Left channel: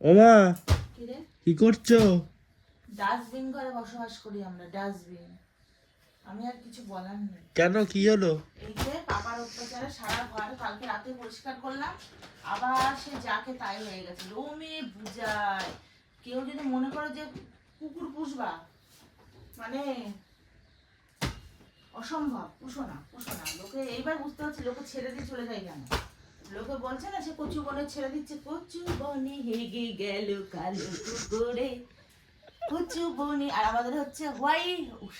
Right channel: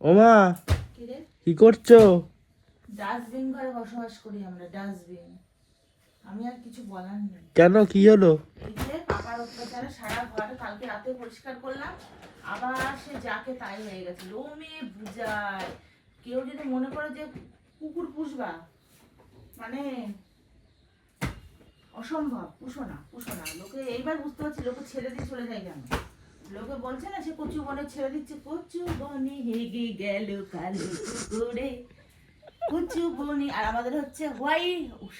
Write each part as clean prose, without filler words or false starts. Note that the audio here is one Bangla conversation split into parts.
ওমা কি রে? কি করছো? ডাস্টবিন ঘরে বসবাস করি আমরা, ডাস্টবিন। আমি আর কিছু বলার নেই। কেন, কি হলো? এই যে পাপার অত্যাচারে সারা ঘর কালকে রাতে পরিষ্কার করলাম, আবার সে যাকে তাই হয়ে গেছে। লোমে বুঝায়, কেউ যদি মনে করে যে কুকুর পুষবা, মানে অসম্ভব। পুষো না, পুষো না। লোকে এইবার বুঝতে পারছি লোকে ছেড়ে দিয়ে চলে যায় কেন। লোকে বলছে না সে কচু বনে ছেড়ে দিচ্ছে, কচু বনে হেগে গেল কালো কুকুরে, কচু বনে। আর আমাদের হচ্ছে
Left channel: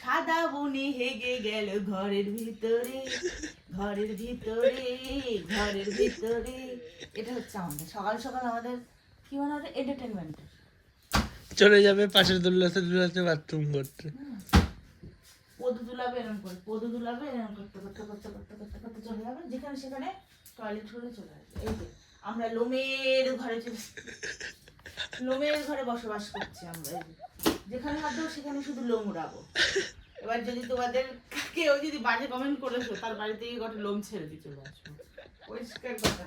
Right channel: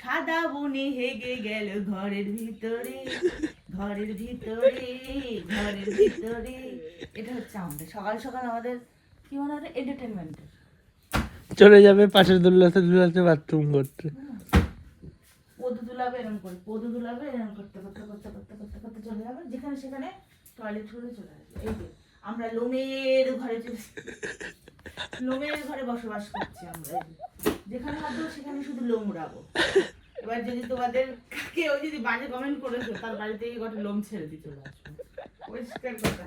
সাদা বনে হেগে গেল ঘরের ভিতরে, ঘরের ভিতরে, ঘরের ভিতরে। এটা হচ্ছে আমাদের সকাল সকাল আমাদের কি মনে হয় এন্টারটেনমেন্টের। চলে যাবে পাশের দুলাতে দুলাতে বাথরুম করতে। পদু দুলাবে এরকম করে, পদু দুলাবে এরকম করতে করতে করতে করতে করতে করতে চলে যাবে, যেখানে সেখানে টয়লেট করে চলে আসবে। এই যে আমরা লোমের ঘরে লোমের ঘরে বসবাস করছি আমরা। এই যে যেখানে হাত দেবো সেখানে শুধু লোম উড়াবো। এবার যদি তোমাদের কেউ যদি বাজে কমেন্ট করেছো, তার বাড়ি থেকে গোটা লোম ছেড়ে দিয়ে চলে আসবো, পরিষ্কার কথা।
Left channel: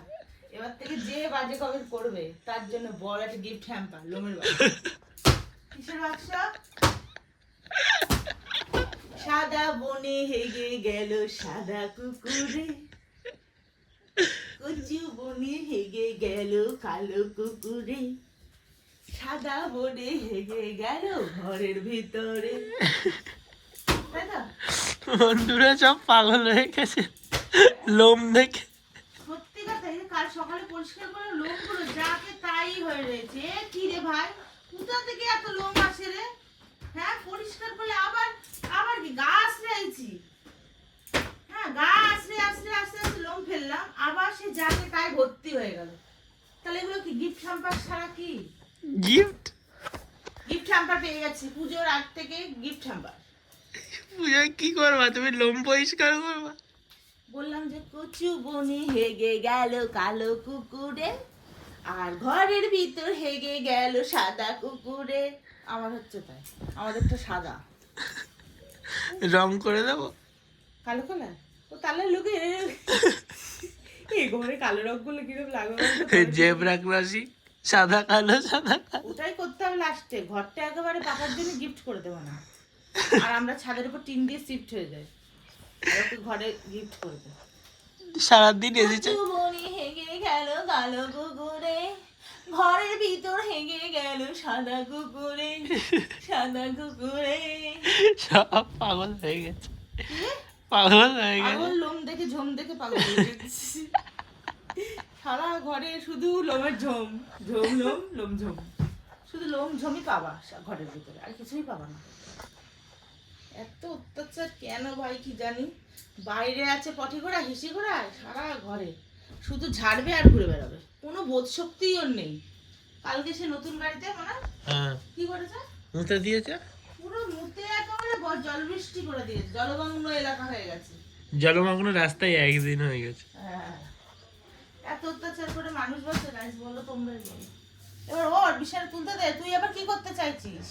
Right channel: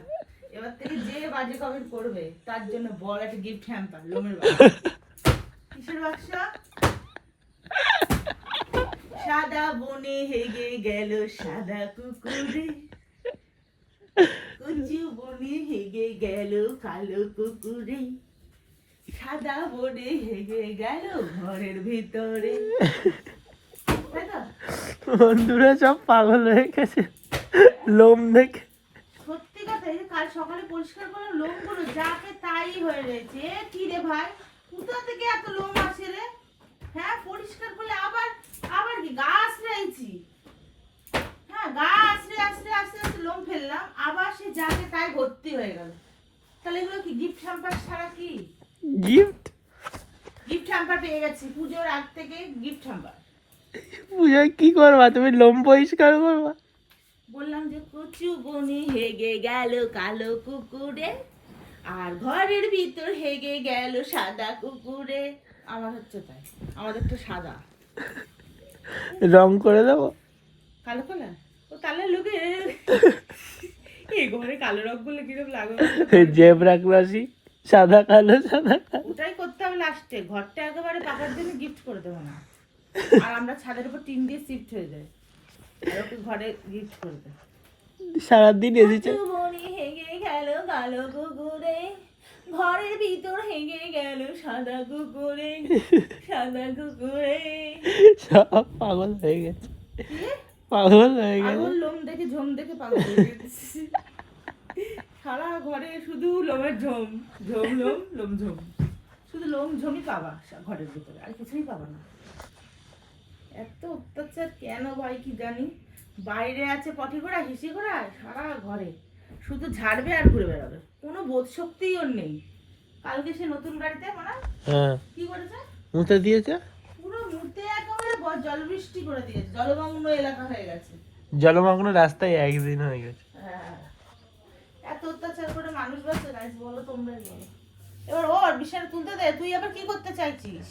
এবার থেকে যে বাজে কমেন্ট করবে তার জন্য বড় একটা গিফট হ্যাম্পার, লোমের বাক্স। কিসের বাক্স? সাদা বনে হেগে গেল সাদা কুকুরে, কচু বনে হেগে গেল কালো কুকুরে, সাদা বনে হেগে গেল ঘরের ভিতরে। তাই তো? বন্ধুরা সব পাগল হয়ে গেছে লোম দেখে। সত্যি কথা, এই যে কাল সকালে পরিষ্কার করে লোমগুলো যাকে তাই হয়ে রয়েছে। এ কি রে ভাই, কোথা থেকে এত লোম আসে রে? হ্যাঁ, পরিষ্কার করলে আবার আবার কি গা আশ্রাইছি? হ্যাঁ, গা আশ্রে আস্তে আস্তে আস্তে লোম ফেললাম, আবার সে যাকে তাই ভর্তি হয়ে গেল। তাহলে এগুলো কি গিফট হ্যাম্পার ছাড়া কি? গিফট? গিফট হ্যাম্পার পেয়ে গেছি পুজোর আগ থেকে, গিফট হ্যাম্পার। পূজা কি করবা তুমি? লোম পরিষ্কার করবা? বললাম যে কচু বনে হেগে গেল কালো কুকুরে, আর ঘরের ভিতর হেগে গেল সাদা কুকুরে। আমার হচ্ছে তাই, আমাদের তো সাদা। রং করে দেবো? কালো কালার? ও তাহলে লোকে এই ঘরে কালো রং গুলো কিরকম লাগবে? জেব্রা ক্রসি, সাদা কালো সাদা কালো। ওটাই করতে হবে লাস্টে। ঘরটা একেবারে পাপার জন্য গিফট করে দেবো না, আর আমরা ছাদের উপর টিন দিয়ে শিফট হয়ে যাই, আর ওকে ঘরে গিফট করে দেয়। সারাদিন এসেছে। কচু বনে হেগে গেল কালো কুকুরে, ঘরের ভিতর হেগে গেল সাদা কুকুরে, সাদা কুকুরে। সব পাগল হয়ে গেছে, পাগল হয়ে গেছে। আঙুল লোম দেখে ঝোম দেখে পাগল হয়ে গেছি। সারা ঘরে শুধু লোমের ঝোম, ঝোম লোম, লোম ঝোম। শুধু লোম ঝোমই পাবা ঘরের ভিতরে, আর কিছুই পাবা না। এত অত্যাচার কেন ভাই কি জানি। বাইরে আছে পটি ঘোড়া, হিসি ঘোড়া, সারা ঘরে শুধু ঝাড়বে আর ঘুরে বেড়াবে, কোনো বোধ শক্তিই ওর নেই। কালকে সে নতুন গাড়িতে মানে হ্যাঁ, কি করেছে, মুতে দিয়েছে। পুরো মুতে একেবারে জল বৃষ্টি করে দিয়েছে, জলমগ্ন এলাকা হয়ে গেছে। জলমগ্ন রাস্তায় একদিন হয়ে গেছে। হ্যাঁ, এত অত্যাচার করে মানুষ বাঁচে গাইস, বলো তোমরাই বলো। এবার ওর বিশাল তুলতে দে, তুই আবার কি করতে চাইছিস?